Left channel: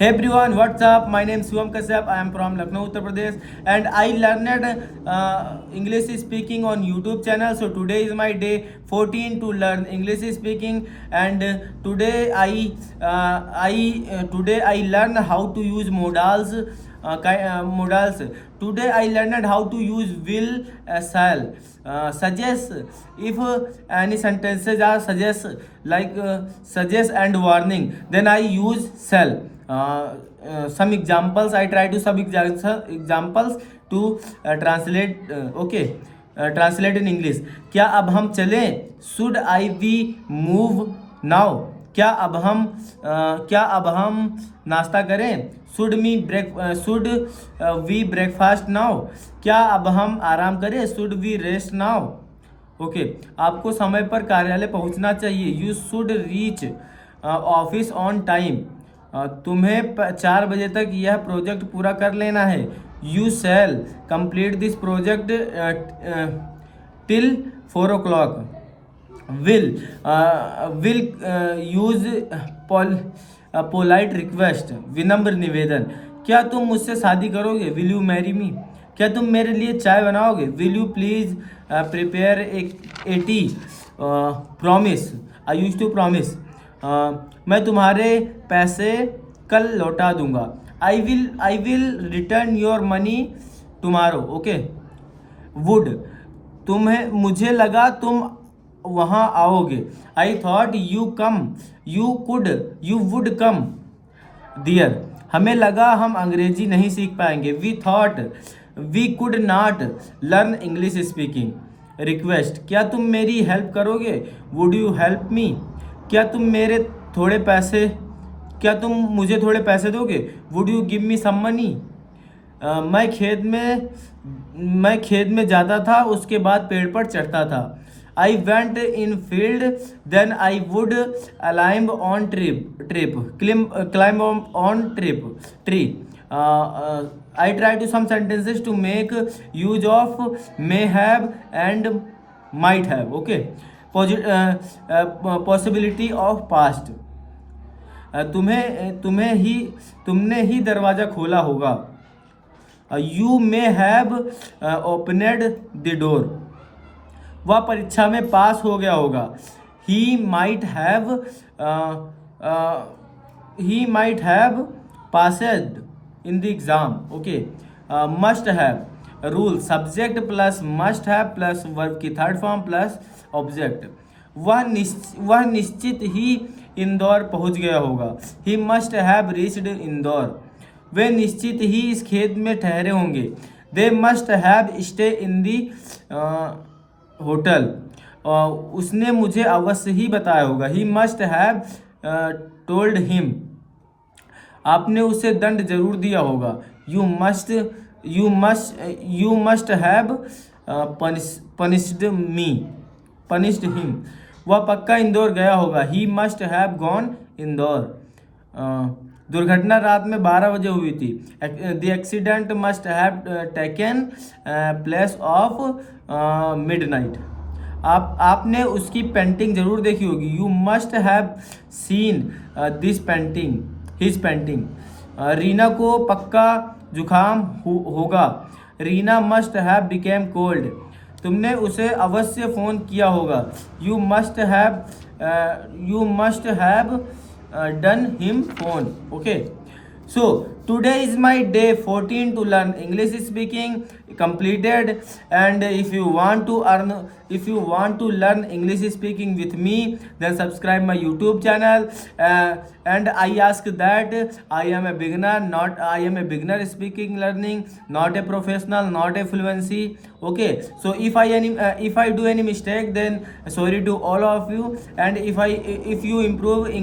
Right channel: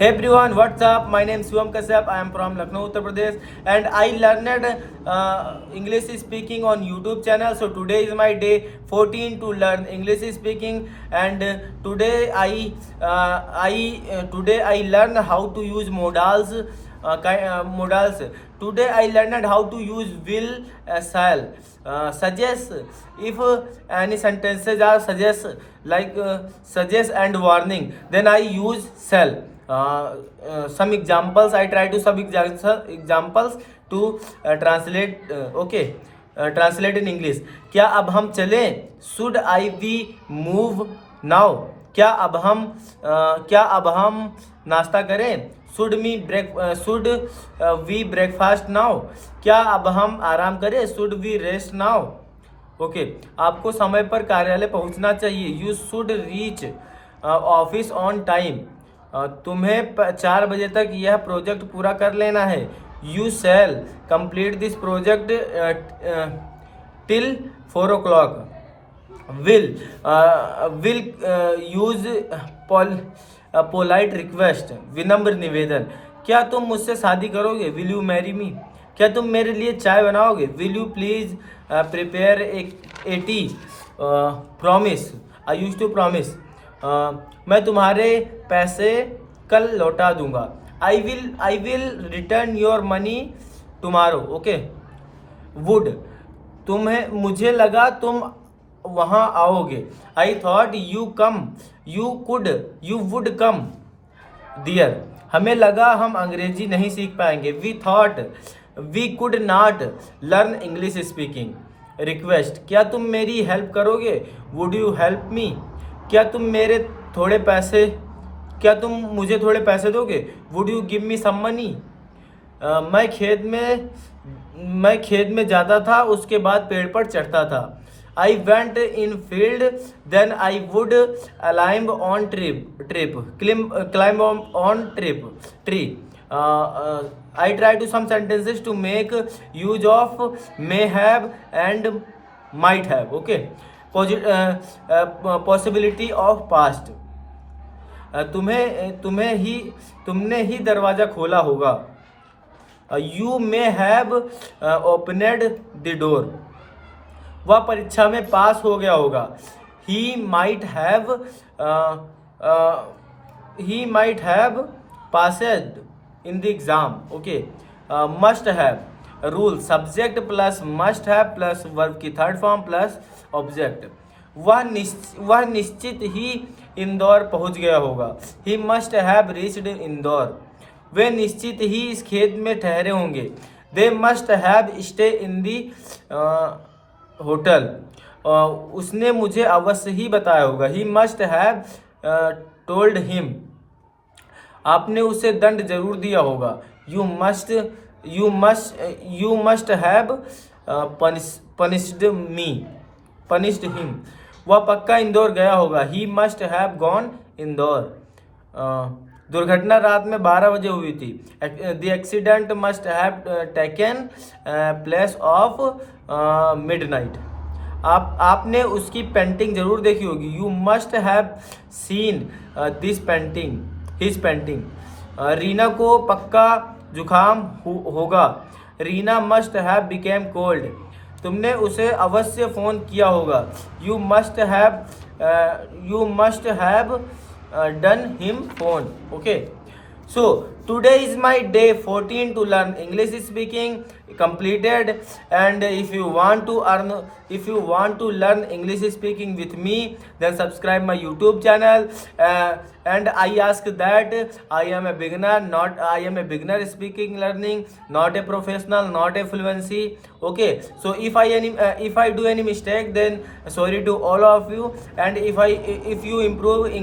Hey everyone, what's up? My name is Shivam Kashyap. I am from Lucknow, Uttar Pradesh, and I learned English speaking on YouTube channel. So today is my day 14 to learn English speaking, and today I learned how to use modals. Modals. Today I learned how to use will, shall, suggest. If any sentences are suggest, like suggest and warning, then I use shall. Some examples I try to some examples to translate. Okay, translate in English. क्या अब हम चलें? Should I we move now? क्या अब हम नाश्ता करें? Should we breakfast now? क्या अब हम आराम करें? Should we rest now? Okay आपको समय पर कार्यालय पहुंचना चाहिए. You should reach office on time. तुम्हें 4 बजे तक यह प्रोजेक्ट पूरा कर लेना है. You shall complete this project till 4 o'clock. Will use polite request, विनम्र निवेदन. क्या तुम मुझसे शादी करोगे? Will you marry me. क्या तुम मेरे लिए चाय बनाओगे? Will you please prepare a tea. Promise, I use to promise. मैं तुम्हारे पैसे कल लौटा दूंगा. I will return your money tomorrow. Okay. Would, मुझे लगा तुम वहाँ आओगे. I thought you would come there. हमें लगा हम अंग्रेजी नहीं सीख पाएंगे. We thought we could not learn English speaking. Request, क्या तुम मेरी हेल्प करोगे? Would you help me. क्या तुम मुझे थोड़े पैसे दोगे? Would you give me some money. मैं खेत में जाता था, उसके बाद पेड़ पर चढ़ता था. I went in field, then I would climb on tree. I try to some sentences to make use of may have and might have. Okay. Possibility of past. तुमने ही दरवाजा खोला होगा. You may have opened the door. वह परीक्षा में पास हो गया होगा. He might have passed in the exam. Okay. Must have. Rule, subject plus must have plus verb की थर्ड फॉर्म प्लस ऑब्जेक्ट. वह निश्चित ही इंदौर पहुंच गया होगा. He must have reached Indore. वे निश्चित ही इस खेत में ठहरे होंगे. They must have stay in the hotel. उसने मुझे अवश्य ही बताया होगा. He must have told him. आपने उसे दंड जरूर दिया होगा. You must have punished him. वह पक्का इंदौर गया होगा. He must have gone Indore. दुर्घटना रात में 12 बजे हुई थी. The accident must have taken place of midnight. आपने उसकी पेंटिंग जरूर देखी होगी. You must have seen this painting. His painting. Reena को पक्का जुकाम होगा. Reena must have became cold. तुमने उसे अवश्य फ़ोन किया होगा. You must have done him phone. Okay. So today is my day 14 to learn English speaking completed. And if you want to learn English speaking with me, then subscribe my YouTube channel. And I ask that I am a beginner speaking learning, not a professional, not a fluency. Okay. So if I do any mistake, then sorry to all of you. And if you improve English